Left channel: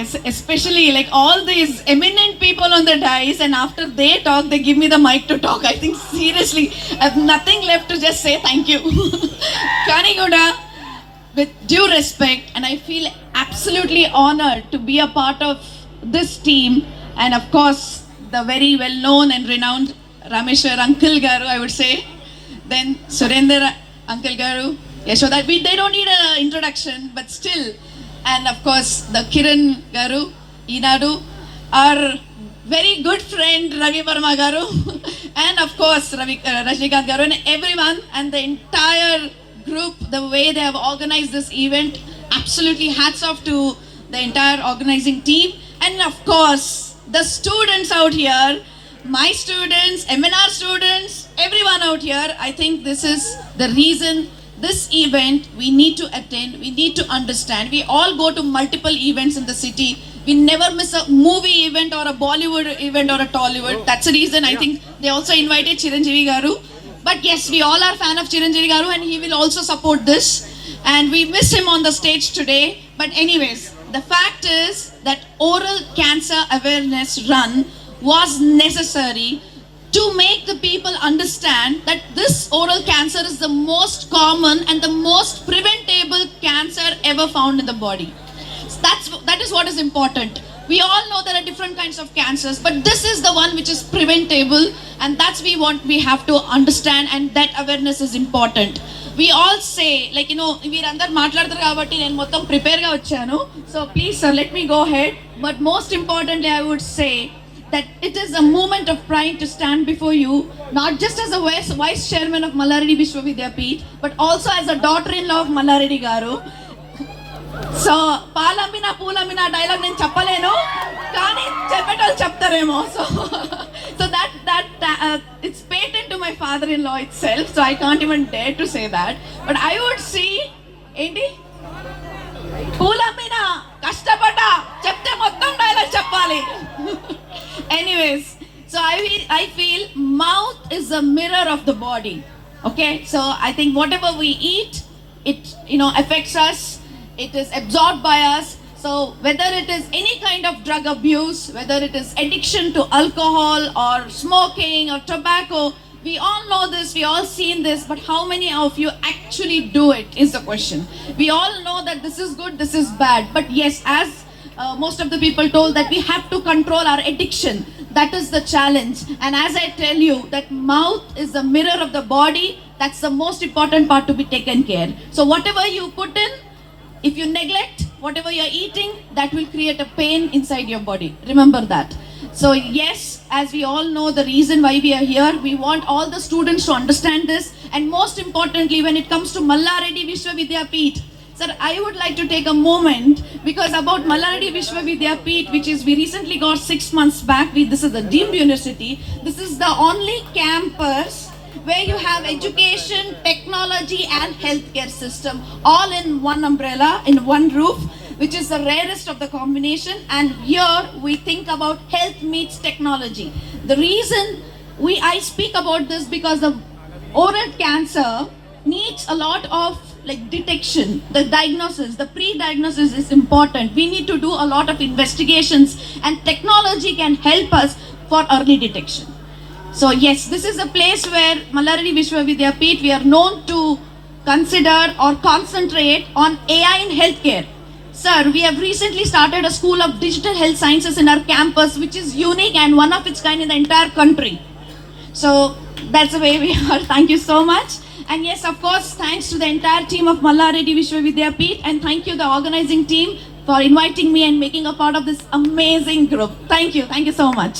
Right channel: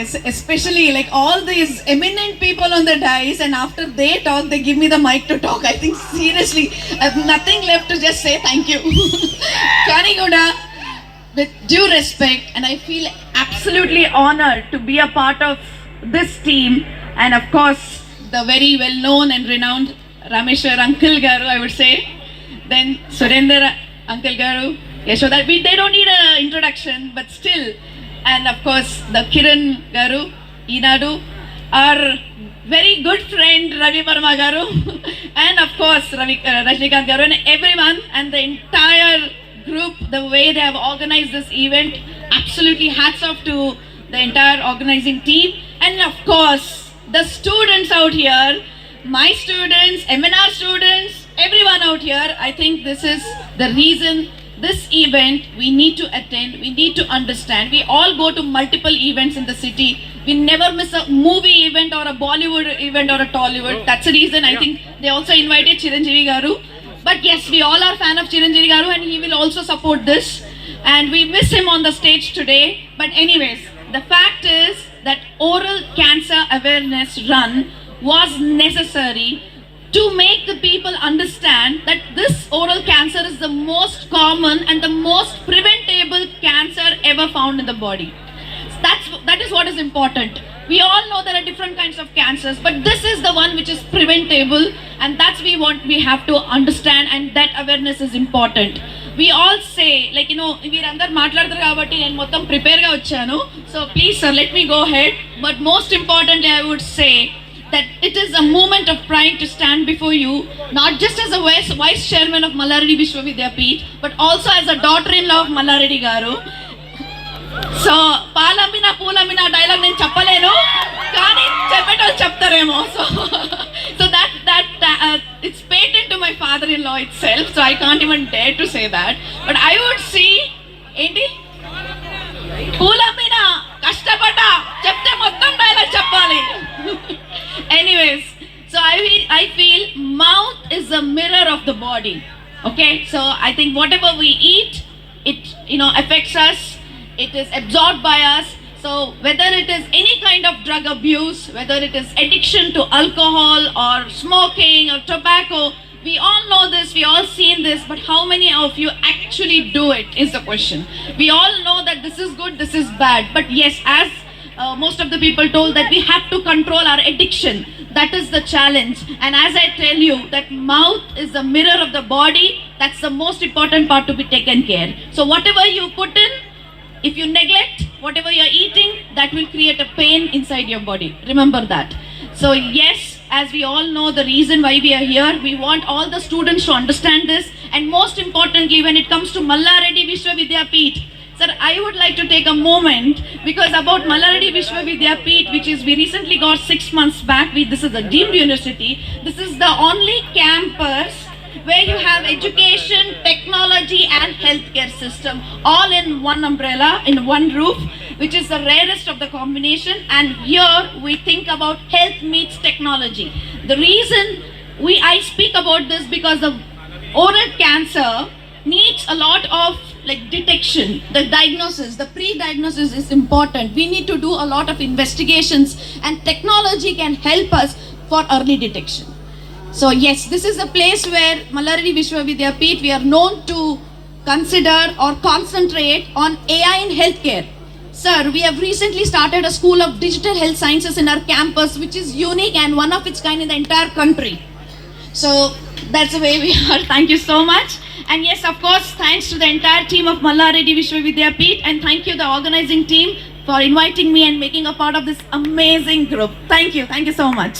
yes, especially like all these eminent people on the dais, and after they talk, they give me the mic to talk. I think seriously, I have nothing left to just say thank you. Kaniguda, with due respect, and I feel absolutely honored to be a part of this team, and of course, the very well-known and renowned Rameshwar Uncle Garu, I would say. Then Surender Uncle Garu, Yashoda, they don't need an introduction, but still. And of course, the Kiran Garu, Inadu, our very good friend Ravi Verma Garu, and of course, Rajnikant Garu, and everyone, and the entire group, the way they have organized this event, absolutely hats off to the entire organizing team. And of course, the students out here, my students, MNR students, everyone out here, I think this is the reason this event we need to attend, we need to understand. We all go to multiple events in the city. We never miss a movie event or a Bollywood event or a Tollywood. That's the reason I think they also invited Chiranjeevi Garu. But yes, we all are fan of Chiranjeevi Garu, and he will also support this. And we miss him on the stage today. But anyways, the fact is that oral cancer awareness run was necessary to make the people understand that this oral cancer is the most common and the most preventable cancer ever found in the body. So that is what is important. We all know there are different kinds of cancers, but this is the one which is preventable, and that's we have to understand, and that awareness is important. We all say, like, మీరందరూ మాట్లాడతారు కాబట్టి నేను మొత్తం ప్రిపేర్గా వచ్చాను. So please sir, let me go ahead. But most importantly, I would say that it is a moment of pride to stand before you, not just as a vice chairman of Mallareddy Vishwavidyapeeth, but also as a daughter-in-law of Mallareddy Garu. So, పాలమ్మినా పూలమ్మినా dialogue నేను చెప్పలేను, కానీ చెప్పేటోళ్ళు చెప్తారేమో. So that it's patent to my father-in-law itself, so I can't even dare to say that. But I would see, ఏంటి పూలమ్మినా కష్టపడ్డా చెప్తే మొత్తం dialogue చెప్పాలి. Anyways, so I feel mouth is a mirror of the body. Okay, so I think whatever we eat, it affects us. It is absorbed by us. So whether it is any kind of drug abuse, whether it is addiction to alcohol or smoking or tobacco, we all know this, we all seen this, but how many of you actually do it is the question. We all know that this is good, this is bad, but yes, as most of the people told, that we have to control our addiction. That is the challenge. And as I tell you, that mouth is the mirror of the body. That's the most important part to be taken care. So whatever you put in, if you neglect whatever you're eating, that will create a pain inside your body. Remember that. So yes, as we all know, the reason why we are here, we want all the students to understand this. And most importantly, when it comes to Mallareddy Vishwavidyapeeth, sir, I would like to take a moment, because about Mallareddy Vishwavidyapeeth, which is we recently got 6 months back, this is a deemed university. This is the only campus where you have education, technology and healthcare system all in one umbrella, in one roof, which is the rarest of the combination. And here we think about health meets technology. The reason I speak about this, because the oral cancer needs a lot of detection, the diagnosis, the pre-diagnosis is important. We need to do a lot of investigations, and technology can help us for early detection. So yes, this is a place where Mallareddy Vishwavidyapeeth, we are known to consider or concentrate on AI in healthcare. Sir, we have recently started a school of digital health sciences in our campus, which is unique and one of its kind in the entire country. So that's the way we are. Thank you so much. And yes, of course, thanks to the entire team of Mallareddy Vishwavidyapeeth, and thank you the organizing team for inviting me and making a part of this amazing group. Thank you so much.